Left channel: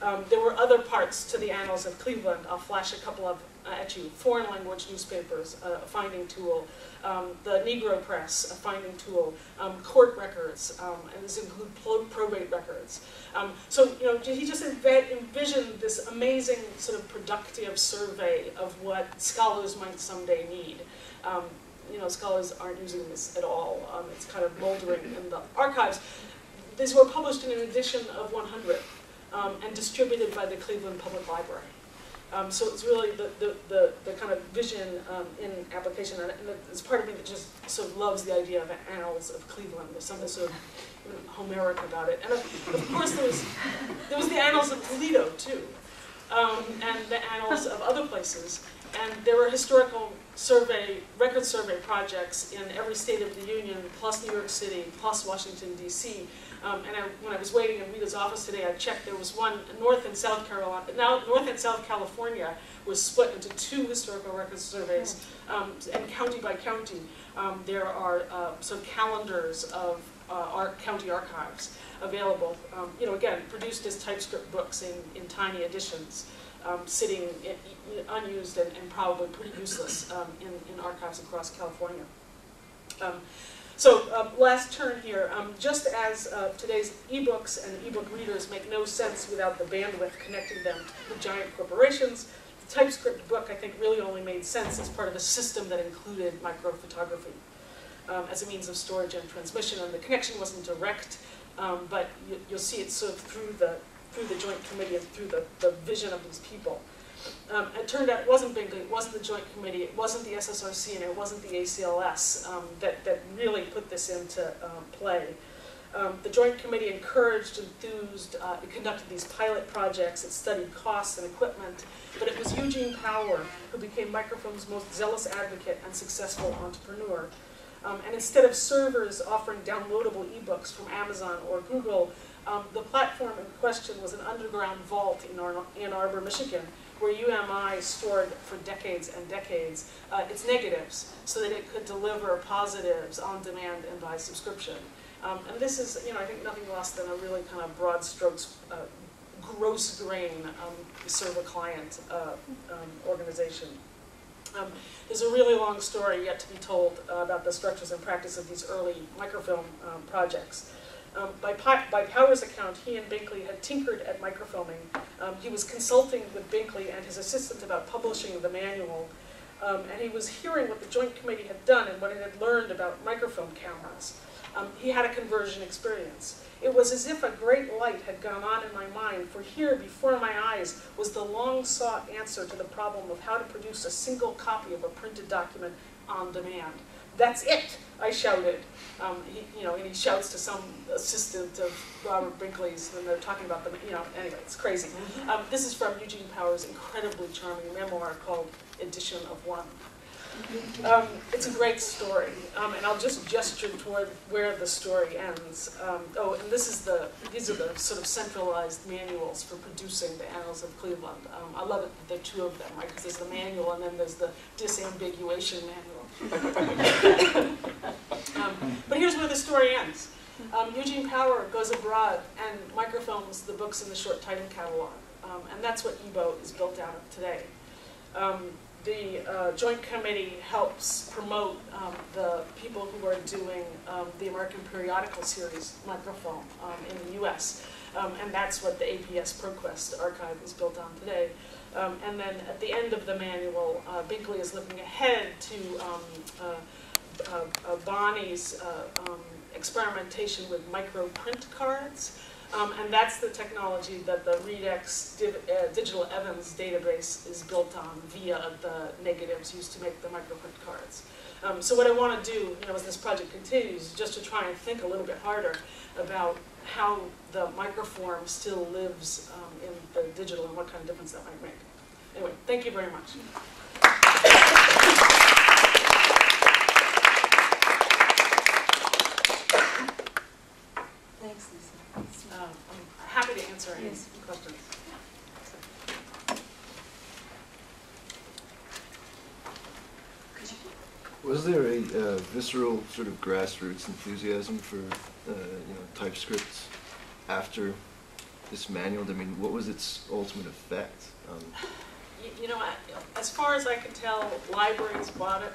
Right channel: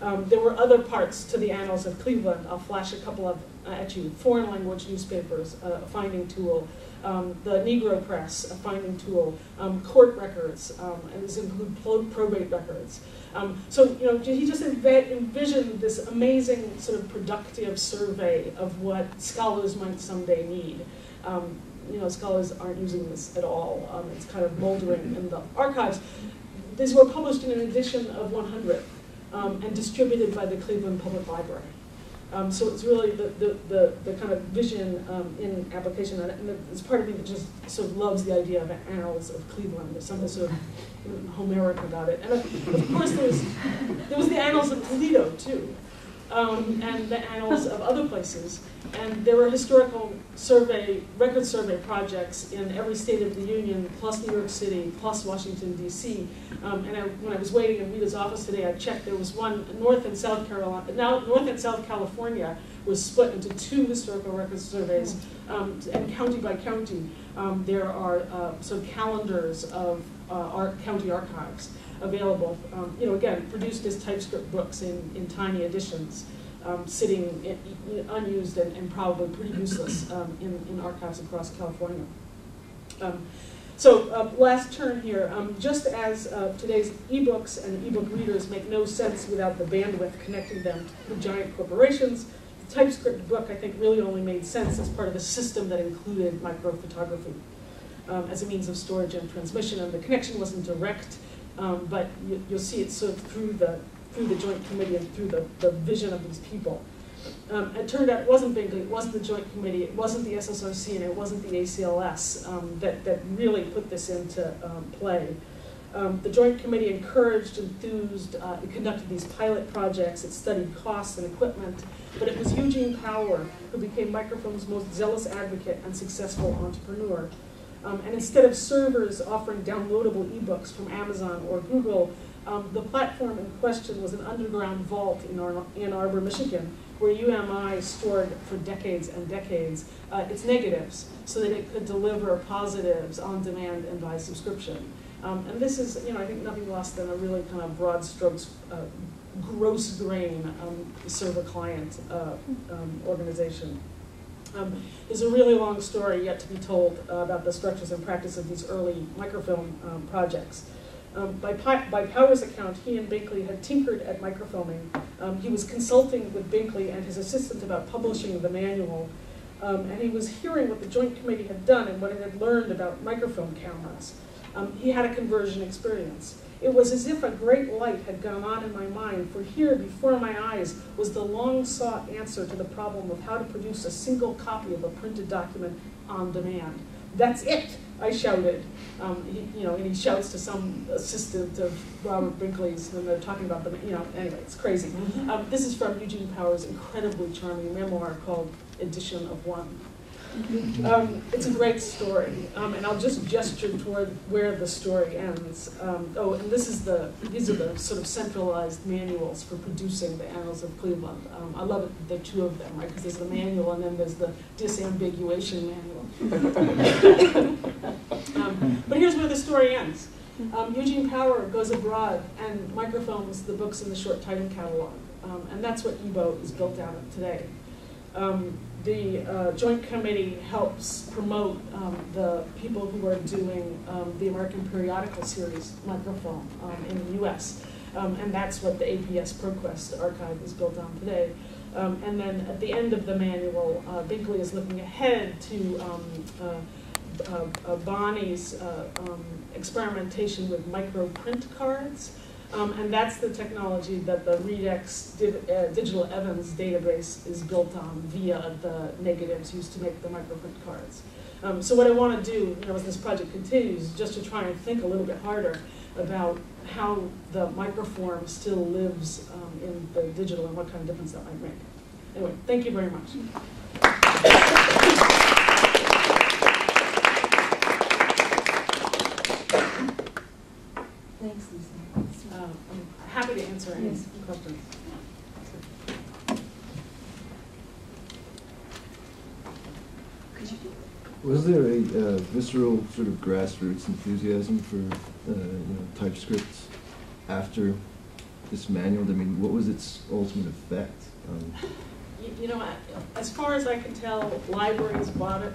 There were other parts to the annals of Cleveland. I'll flash a couple of at you. Foreign language newspapers, a finding tool. The Negro Press, a finding tool. Court records, and this include probate records. So he just envisioned this amazing sort of productive survey of what scholars might someday need. Scholars aren't using this at all. It's kind of moldering in the archives. These were published in an edition of 100 and distributed by the Cleveland Public Library. So it's really the kind of vision in application, and it's part of me that just sort of loves the idea of annals of Cleveland. There's something sort of Homeric about it. And of course there was the annals of Toledo too, and the annals of other places. And there were historical record survey projects in every state of the Union, plus New York City, plus Washington, D.C. When I was waiting in Rita's office today, I checked there was one North and South Carolina. Now, North and South California was split into 2 historical record surveys, and county by county, there are sort of calendars of county archives available. Again, produced as Typescript books in tiny editions. Sitting unused and probably pretty useless in archives across California. Last turn here. Just as today's ebooks and ebook readers make no sense without the bandwidth connecting them with giant corporations, the Typescript book, I think, really only made sense as part of a system that included microphotography as a means of storage and transmission. And the connection wasn't direct, but you'll see it sort of through the Joint Committee and through the vision of these people. It turned out it wasn't Binkley, it wasn't the Joint Committee, it wasn't the SSRC, and it wasn't the ACLS that really put this into play. The Joint Committee encouraged, enthused, it conducted these pilot projects, it studied costs and equipment, but it was Eugene Power who became microfilm's most zealous advocate and successful entrepreneur. And instead of servers offering downloadable ebooks from Amazon or Google, the platform in question was an underground vault in Ann Arbor, Michigan, where UMI stored for decades and decades its negatives so that it could deliver positives on demand and by subscription. And this is, I think nothing less than a really kind of broad strokes, gross grain server-client organization. There's a really long story yet to be told about the structures and practice of these early microfilm projects. By Power's account, he and Binkley had tinkered at microfilming. He was consulting with Binkley and his assistant about publishing the manual, and he was hearing what the Joint Committee had done and what it had learned about microfilm cameras. He had a conversion experience. It was as if a great light had gone on in my mind, for here before my eyes was the long-sought answer to the problem of how to produce a single copy of a printed document on demand. That's it, I shouted. And he shouts to some assistant of Robert Binkley's, and they're talking about them, anyway, it's crazy. This is from Eugene Power's incredibly charming memoir called Edition of One. It's a great story, and I'll just gesture toward where the story ends. And these are the sort of centralized manuals for producing the Annals of Cleveland. I love it that there are 2 of them, right? Because there's the manual and then there's the disambiguation manual. But here's where the story ends. Eugene Power goes abroad and microfilms the books in the short Titan catalog, and that's what EBO is built out of today. The Joint Committee helps promote the people who are doing the American Periodical Series microfilm in the US. And that's what the APS ProQuest archive is built on today. And then at the end of the manual, Binkley is looking ahead to Bonnie's experimentation with microprint cards. And that's the technology that the ReadX Digital Evans database is built on via the negatives used to make the microprint cards. So what I want to do, as this project continues, is just to try and think a little bit harder about how the microform still lives in the digital and what kind of difference that might make. Anyway, thank you very much. Thanks, Lisa. I'm happy to answer any questions. Was there a visceral sort of grassroots enthusiasm for Typescript after dismantled? I mean, what was its ultimate effect? You know, as far as I can tell, libraries bought it.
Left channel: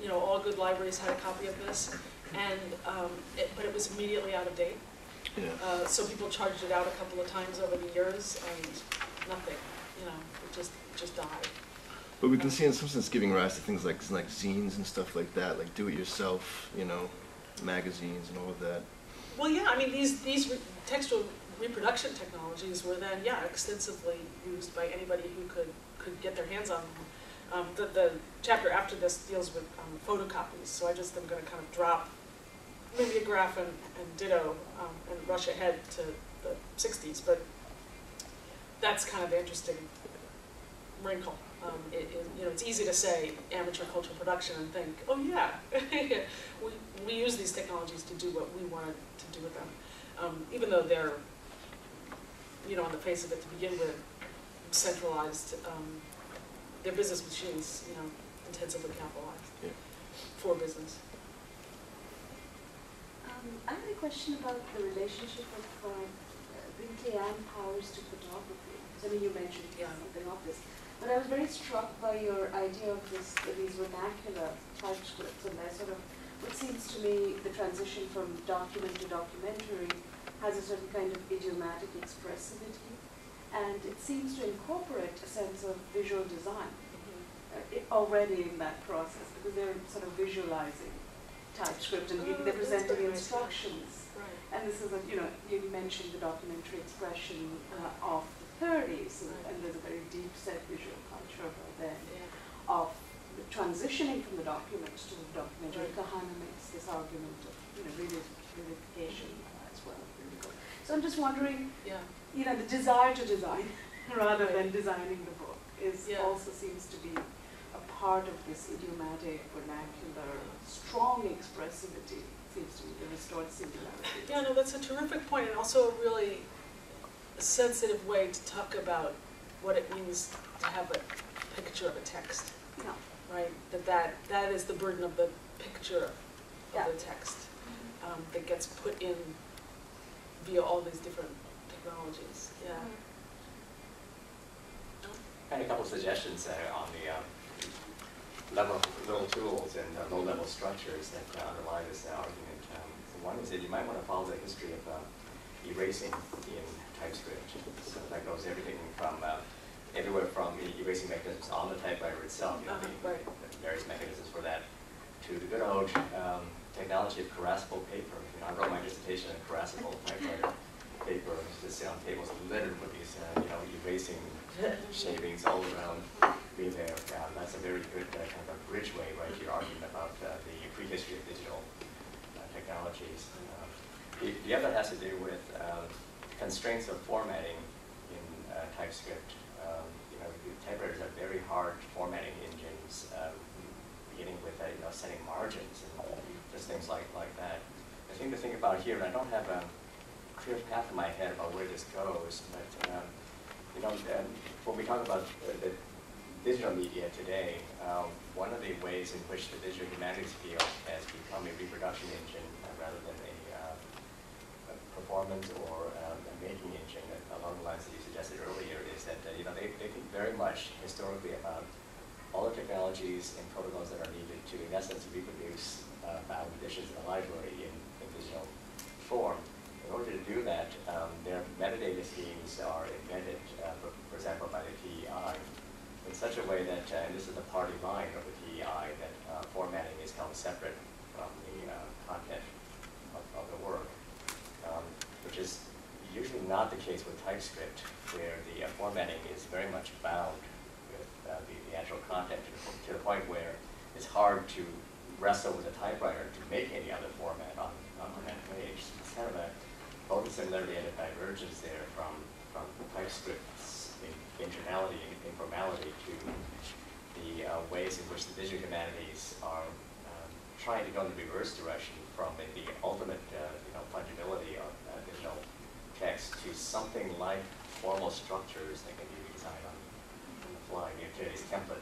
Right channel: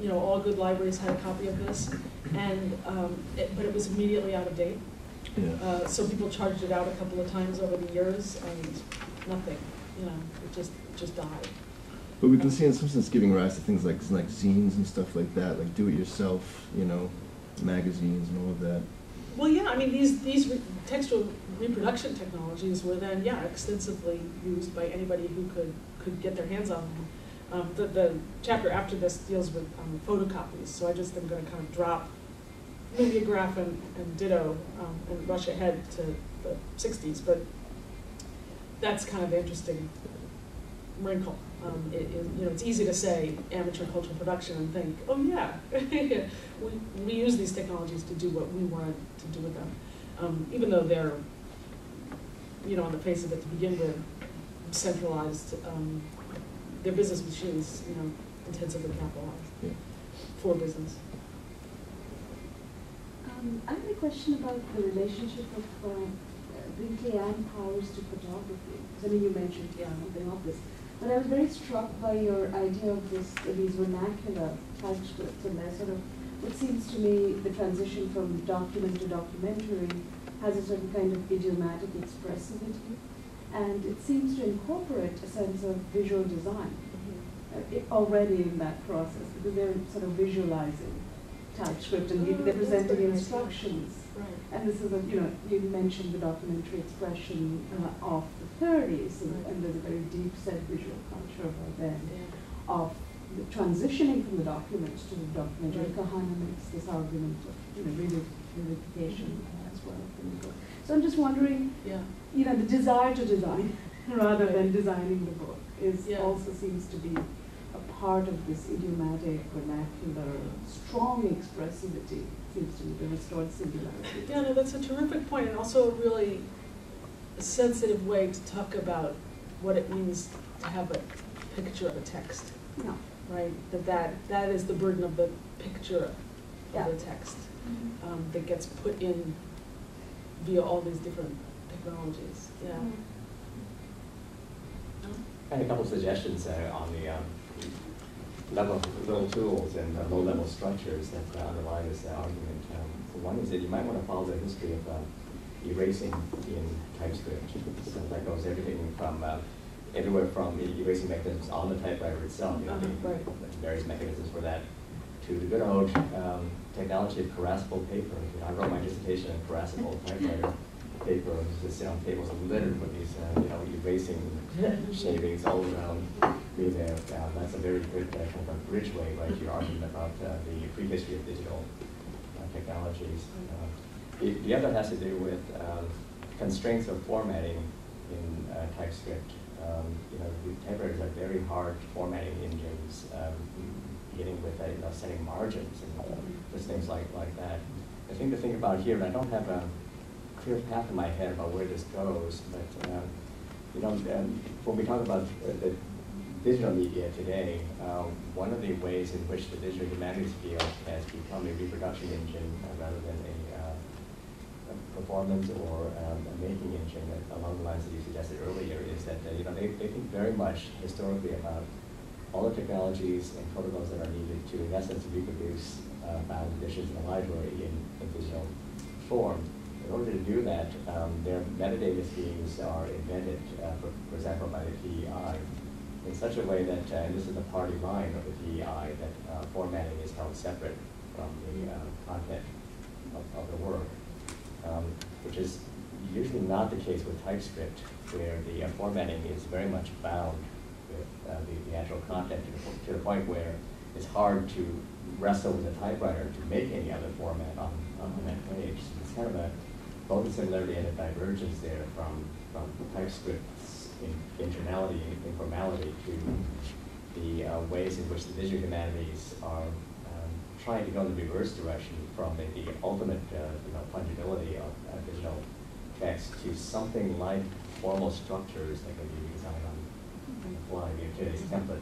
You know, all good libraries had a copy of this, and but it was immediately out of date. Yeah. So people charged it out a couple of times over the years, and nothing. You know, it just died. But we can see in some sense giving rise to things like zines and stuff like that, like do-it-yourself, you know, magazines and all of that. Well, yeah, I mean, these textual reproduction technologies were then, yeah, extensively used by anybody who could get their hands on them. The chapter after this deals with photocopies, so I just am going to kind of drop mimeograph and ditto and rush ahead to the 60s, but that's kind of the interesting wrinkle. You know, it's easy to say amateur cultural production and think, oh yeah, we use these technologies to do what we wanted to do with them, even though they're, you know, on the face of it to begin with, centralized. They're business machines, you know, intensively capitalized for business. I have a question about the relationship of Gitelman powers to photography. Because I mean, you mentioned something of this. But I was very struck by your idea of these vernacular typescripts, and that sort of, what seems to me, the transition from document to documentary has a certain kind of idiomatic expressivity, and it seems to incorporate a sense of visual design already in that process, because they're sort of visualizing TypeScript and they're presenting instructions. Right. And this is, you know, you mentioned the documentary expression of the 30s, and there's a very deep-set visual culture by then of the transitioning from the document to the documentary. Kahana makes this argument of, you know, revivification as well. So I'm just wondering, you know, the desire to design rather than designing the book is also seems to be a part of this idiomatic, vernacular, strong expressivity. Seems to me the restored singularity. Yeah, no, that's a terrific point, and also a really sensitive way to talk about what it means to have a picture of a text. Yeah. Right? That is the burden of the picture of the text that gets put in via all these different technologies. Yeah. I had a couple of suggestions on the level of little tools and low-level structures that underlie this argument. One is that you might want to follow the history of erasing in TypeScript. So that goes everything from everywhere from erasing mechanisms on the typewriter itself, you know, the various mechanisms for that, to the good old technology of caressable paper. You know, I wrote my dissertation on caressable typewriter paper. It was just sit on tables littered with these, you know, erasing shavings all around me there. That's a very good kind of a bridge way, right, to your argument about the prehistory of digital technologies. The other has to do with constraints of formatting in TypeScript. You know, the typewriters are very hard formatting engines, beginning with you know, setting margins and just things like that. I think the thing about here, and I don't have a clear path in my head about where this goes, but you know, when we talk about the digital media today, one of the ways in which the digital humanities field has become a reproduction engine rather than a performance or a making engine along the lines that you suggested earlier is that you know, they think very much historically about all the technologies and protocols that are needed to, in essence, reproduce bound editions in the library in digital form. In order to do that, their metadata schemes are invented, for example, by the PEI, in such a way that, and this is the party line of the PEI, that formatting is held separate from the content of the work, which is usually not the case with TypeScript, where the formatting is very much bound with the actual content to the point where it's hard to wrestle with a typewriter to make any other format on that page. It's kind of both a similarity and a divergence there from TypeScript's internality and informality to the ways in which the digital humanities are trying to go in the reverse direction from the ultimate you know, fungibility of digital text to something like formal structures that can be redesigned on the fly. Today's template